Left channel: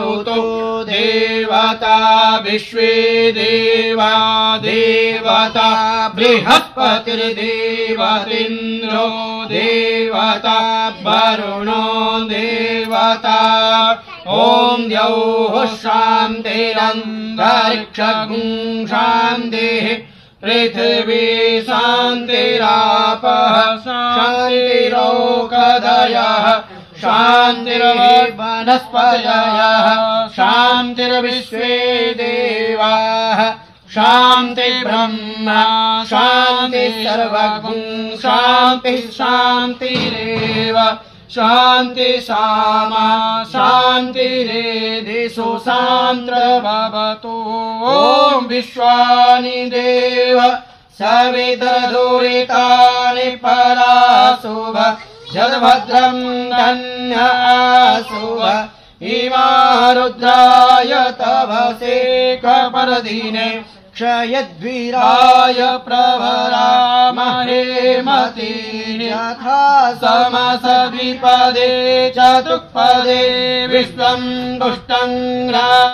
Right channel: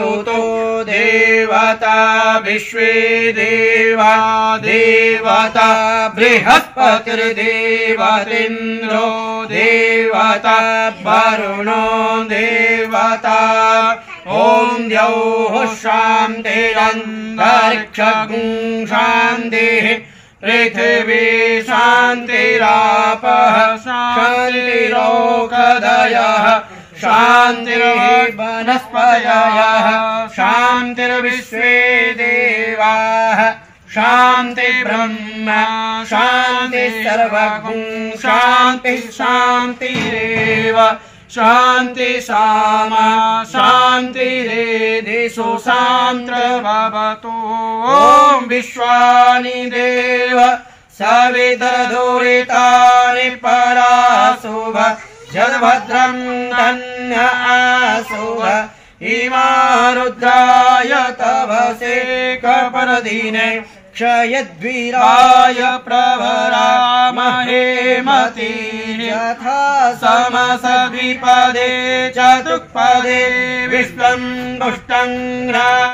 स्तुतो देवता विश्वे देवा देवता बृहस्पतिर्देवतेन्द्रो देवता वरुणो देवता ॐ द्यौः शान्तिरन्तरिक्षं शान्तिः पृथिवी शान्तिरापः शान्तिरोषधयः शान्तिर्वनस्पतयः शान्तिर्विश्वे देवाः शान्तिर्ब्रह्म शान्तिः सर्वगुं शान्तिः शान्तिरेव शान्ति सामा शान्तिरेधिषु शान्तिर्भवतु ॐ विश्वानि देव सवितर्दुरितानि पराशुभ जगभद्रं धन्य आशुभ इमा रुद्राय तवसे कपर्दिने क्षयद्वीराय प्रवरामहे मतिः यथा समसद्विपदे चतुष्पदे विश्वं पुष्टं